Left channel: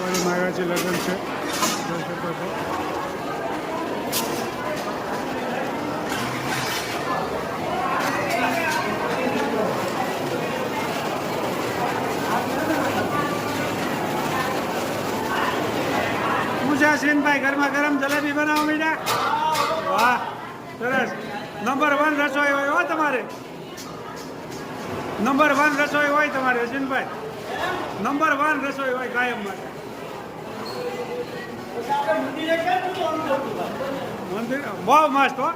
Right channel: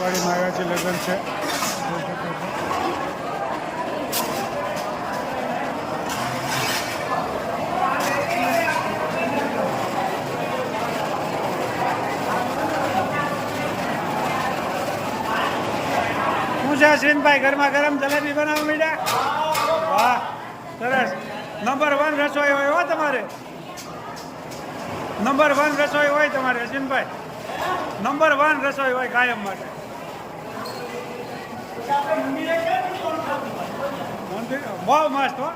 વાડીમાં આવ્યા છે, લગ્ન છે, જોઈ શકો છો. શું છે અશ્વિનભાઈ, ગરમા ગરમ જલેબી બનાવવા માંડ્યા? વાહ, સરસ. નંબર 1 રસોઈ હોય હો તમારે, નંબર 1 રસોઈ હોય તમારે અશ્વિનભાઈ, નંબર 1 રસોઈ હોય કાયમ માટે. બહુ મસ્ત હો,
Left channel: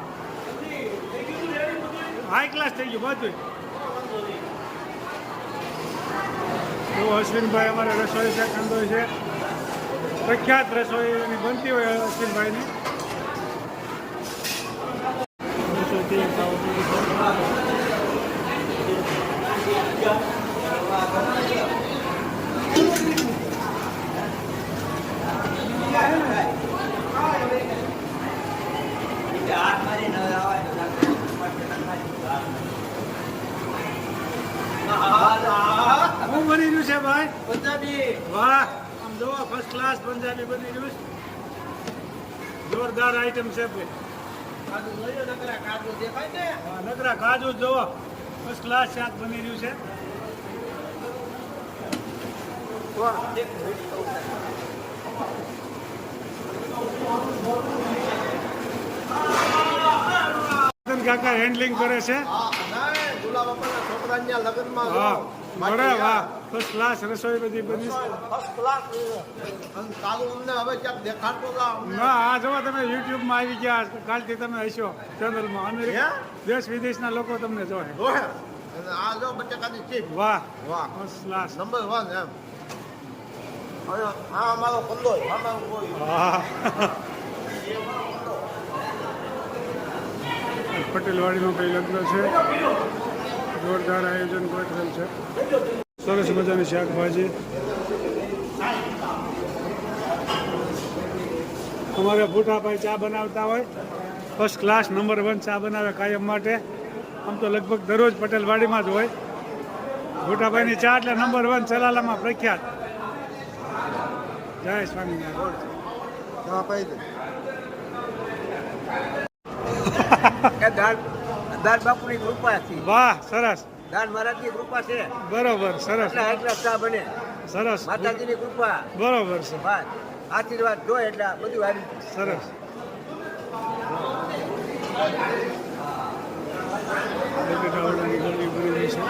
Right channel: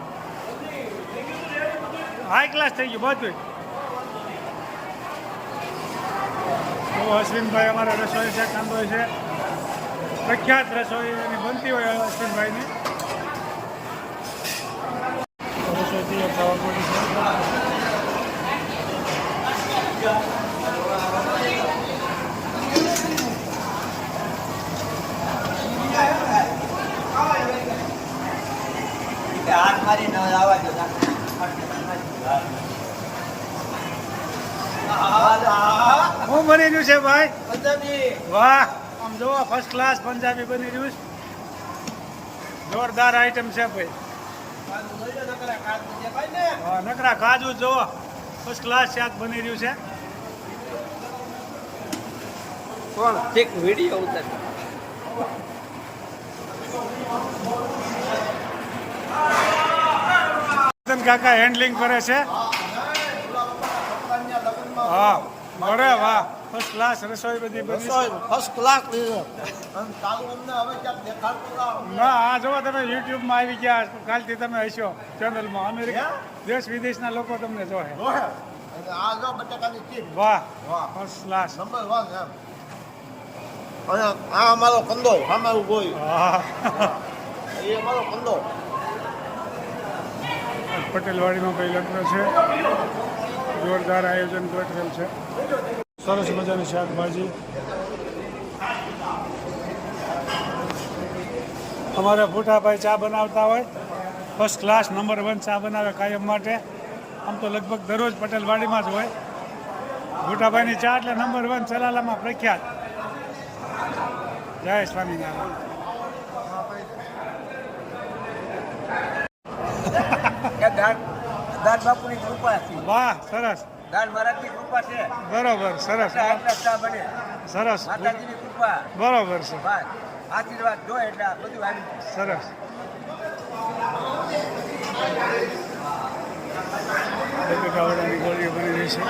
હાઈ ક્લાસ થઈ ગયું બધું. તો અશ્વિનભાઈ અમારે રસોઈ છે, કાંદો છે, પ્રખ્યાત રસોઈ એની બનતી હોય અશ્વિનભાઈની. રસોઈ તૈયાર થવા પડી છે. શું બની રહ્યું છે ભાઈ? વાહ, આમ જોવો ફર્સ્ટ ક્લાસ પંજાબી બની રહ્યું છે. જોરદાર આઈટમ છે ભાઈ. હા, નકરા કાજુ જોવો, ફર્સ્ટ ક્લાસ શાક બની રહ્યું છે. કાકા હેન્ડલિંગ કરે છે. હા, બરે વાહ, ફર્સ્ટ ક્લાસ રસોઈ બધી બની. ના, આ જોવો તમે યુટ્યુબમાં આવી ગયા, કાલથી તમે હશો ચેનલમાં. અમેરિકા દેશ વિદેશના લોકો તમને જોહે. વાહ વાહ, ફર્સ્ટ ક્લાસ નંબર 1 એમ. અને આ અમારો કંદો અમારું કોઈ. હા, એ અમારો કંદો. પટેલવાડીમાં ભાઈ લગ્ન છે, જોરદાર આયોજન ગોઠવેલ છે. સરસ મજાની શાકભાજી. અમારા ભૂટાભાઈ ચા બનાવતા હોય, ફર્સ્ટ ક્લાસ નંબર 1 ચા બનાવે કાયમ માટે. આમ તો લગભગ દરરોજ પટેલવાડીમાં જ હોય. ભૂટાભાઈની ચા એટલે નંબર 1 ચલાલામાં પ્રખ્યાત. જય સ્વામિનારાયણ. દાદ બાપુની કૃપા છે. વાહ, સરસ. દાન મહારાજની કૃપા છે. બરોબર, સરસ ચા બને. સરસ, માતાજીની કૃપા. બરોબર છે. બસ આશીર્વાદ જો એટલે બધું આવી સરસ. બટેટાવડાની ગોળીઓ બની રહી છે.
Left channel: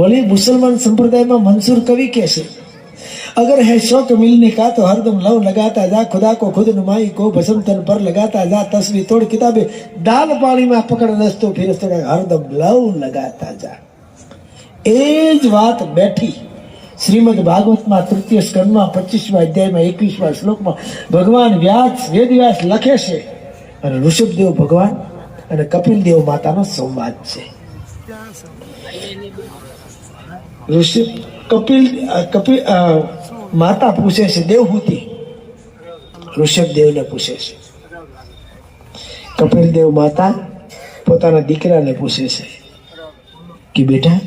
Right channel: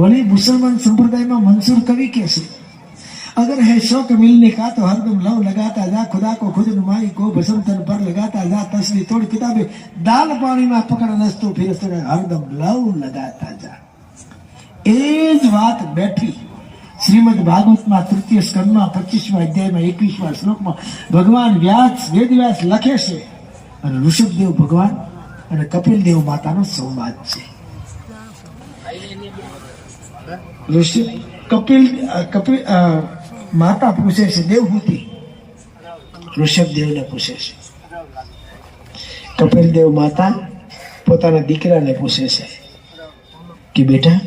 बोले मुसलमान संप्रदाय में मंसूर कवि कैसे, अगर है शौक मिलने का तो हरदम लव लगाता जा, खुदा को खुद नुमाई को भसम तन पर लगाता जा, तस्वीर तोड़ किताबें दाल पानी में पकड़ नसतो फिर हरदम लव लगाता जा। एज बात बैठी श्रीमद भागवत में तृतीय स्कंद में 25 अध्याय में 21 श्लोक में भगवान व्यास वेदव्यास लखे છે અને ઋષભદેવ ભગવાન અને કપિલદેવ માતાનો સંવાદ છે। ઋષભ કપિલ માતા પૂછે છે દેવહૂતિ ઋષભદેવને પૂછે છે, કપિલદેવ માતા પોતાના દીકરાને પૂછે છે કે બેટા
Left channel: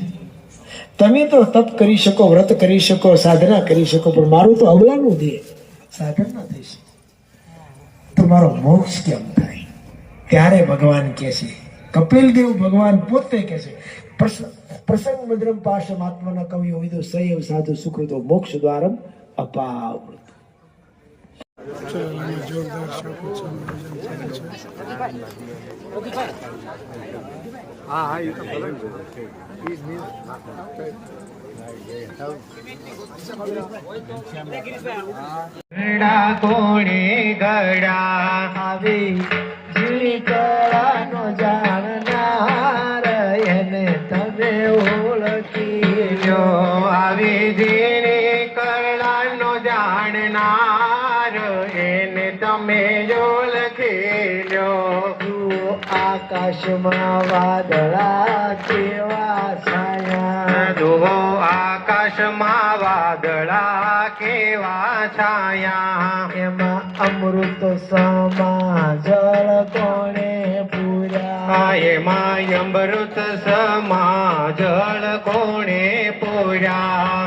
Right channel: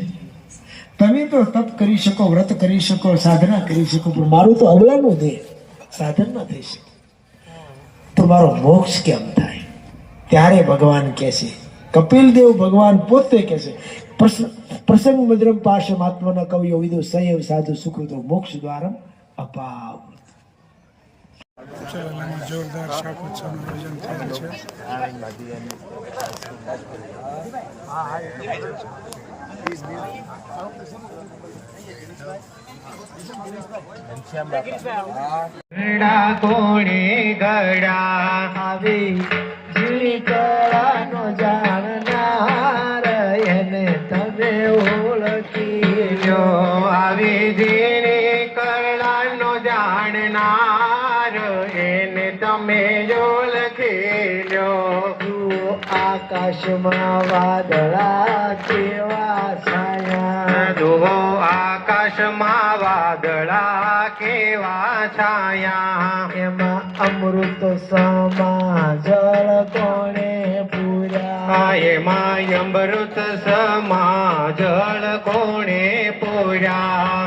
તમે તો તપ કરી શકો, વ્રત કરી શકો, સાધના કરી શકો, પણ મારું તો અબલાનું દેહ સાધન ન થઈ શકે, તો મારો મોક્ષ કેમ થાય? ત્યારે ભગવાન કહે છે, કપિલદેવ ભગવાન પોતે કહે છે, પ્રસંગ મદ્રમ પાશમાત્મના કવિઓ વિદો સયવ સાધુ સુકૃતો મોક્ષ દ્વારમ અપાવ। ચલાલામાં જોરદાર શાકોત્સવનું આયોજન થયેલ છે। ગડા કોણે ગડા આવી ઝીણી કળાનો જાણનાર એને તમે ઓળખી લો, આવી ઝીણી કળાનો જાણનાર એને તમે ઓળખી લો। જુઓ આકાશમાં વાદળા કેવા છાયા, જુઓ આકાશમાં વાદળા કેવા છાયા, એમાં અમૃત સમા જળ કોણે પૂર્યા, એમાં અમૃત સમા જળ કોણે પૂર્યા।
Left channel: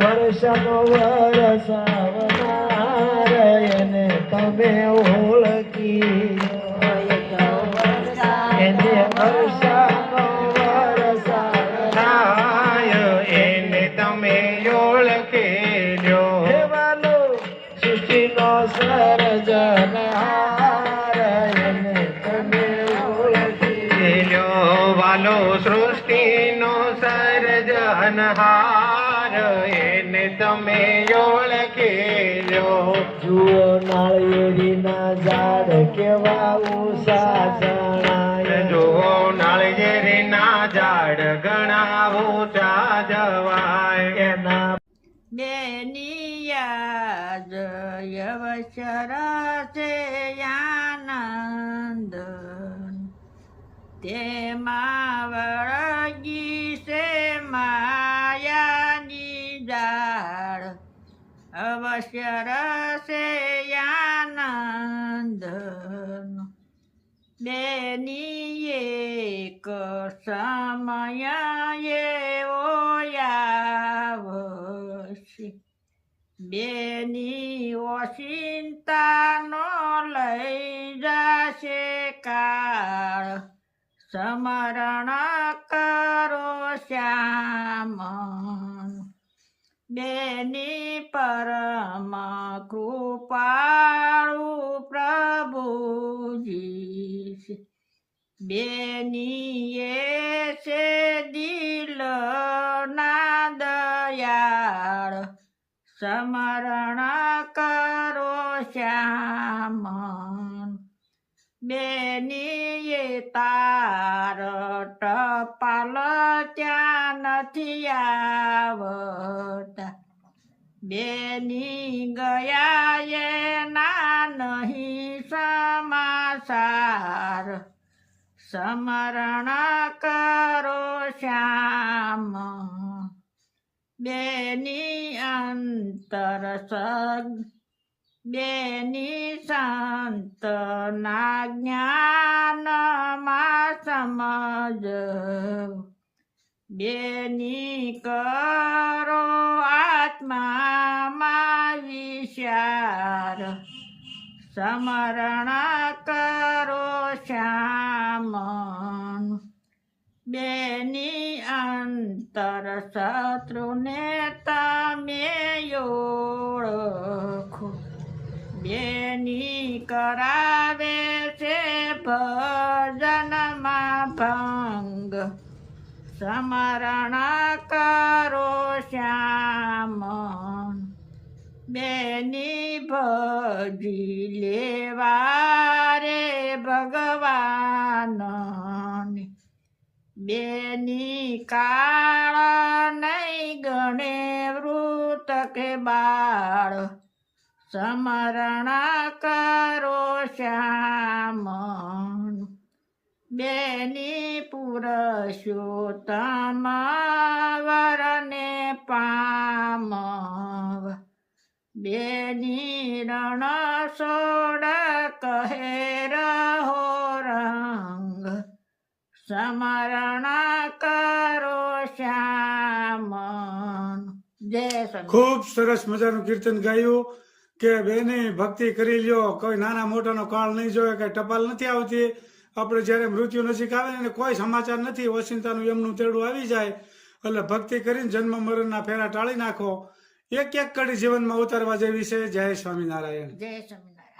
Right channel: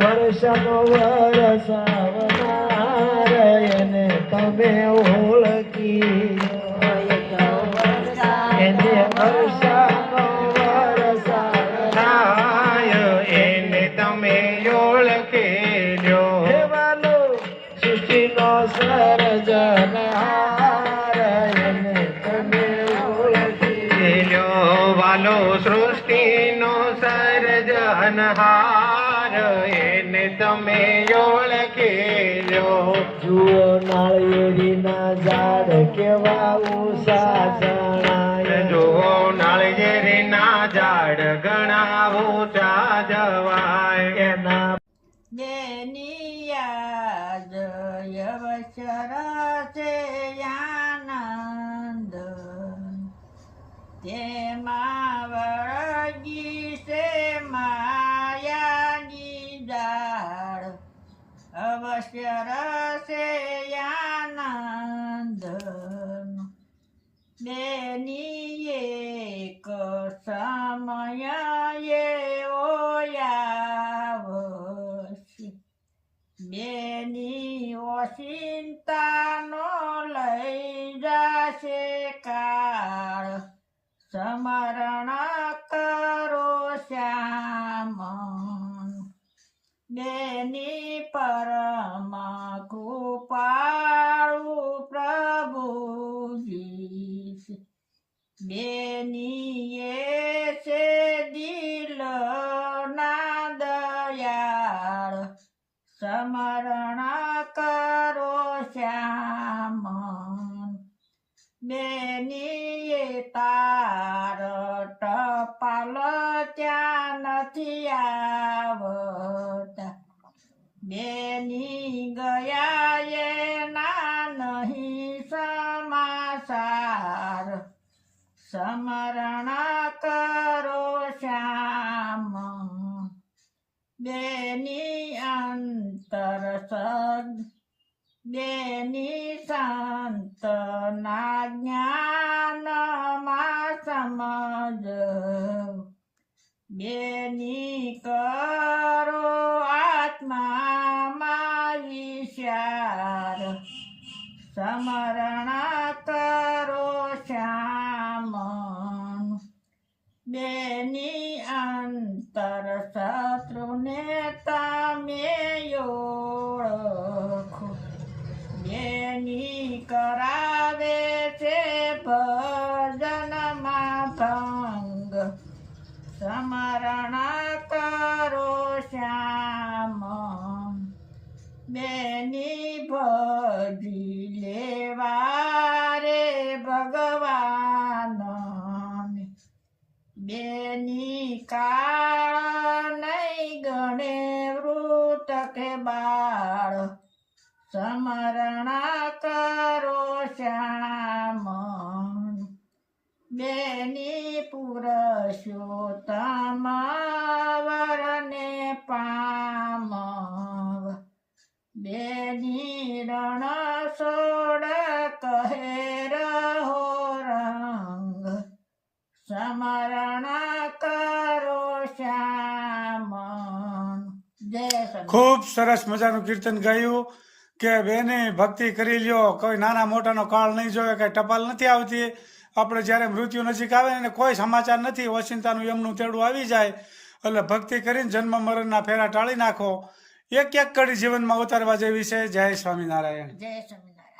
વર્ષનો વરસાવનાર એને તમે ઓળખી, એને વર્ષનો વરસાવનાર એને તમે ઓળખી લો। વાલો સૃષ્ટિનો સર્જનહાર એને તમે ઓળખી લો, વાલો સૃષ્ટિનો સર્જનહાર એને તમે ઓળખી લો। જુઓ નાળિયેરીના ઝાડ કેવા ઊંચા જણાય, જુઓ નાળિયેરીના ઝાડ ઘણા ઊંચા જવાય, એના બેનિયાદ યવશર છે આનંદ, તેમાં વળગી છે માયાની દાળ, અવશ્ય રસે આનંદ બેની એક સમય એવો આવશે, બેની ઓચિંતાનો લઈ જશે કાળ, સ્મરણ કરો શ્યામ બેની પરમ કૃપાળુ પ્રભુજી, બેની એ છે દિલના દયાળ, સ્મરણ કરો શ્યામ બેની એ તાર ટપાલ ત્યાં નથી આવતા, બેની ગયા એના નહીં સમાચાર, સ્મરણ કરો શ્યામ બેની અંતર સગ, બેની સંતના જ્ઞાનમાં સમજ, બેની કરો આત્મામાં વિચાર, સ્મરણ કરો શ્યામ બેની અંતર શત્રુને તમે ઓળખો, બેની કરાવે છે ભજનમાં ભંગ, સમરણ કરો શ્યામ બેની ભજી લેવા રે ભગવાન બેની કાળ નહીં ગણે વૃત કે બાળ સમરણ કરો શ્યામ બેની પુરુષોત્તમ વરને પામ બેની રણ સોડ કહે રહો રંગ સમરણ કરો શ્યામ જય સ્વામી. ખૂબ સરસ મજાનું કીર્તન ગાયું કે બેની ભક્તિ કરી લ્યો, કોઈ નાના મોટાનો કાળ નહીં જોવે, કઈ ટપાલ નથી આવતી. આપણે જ્યારે મૃત્યુ નજીક આવે ને કોઈ સમાચાર નથી, ઓચિંતાનું એમનું તેડું આવી જાય. એટલે ભક્તિ કરીને જન્મ મરણના ફેરા ટાળી નાખો. એક એક કડી જીવનમાં ઉતારવા જેવી છે. જય સ્વામિનારાયણ. જય સ્વામી.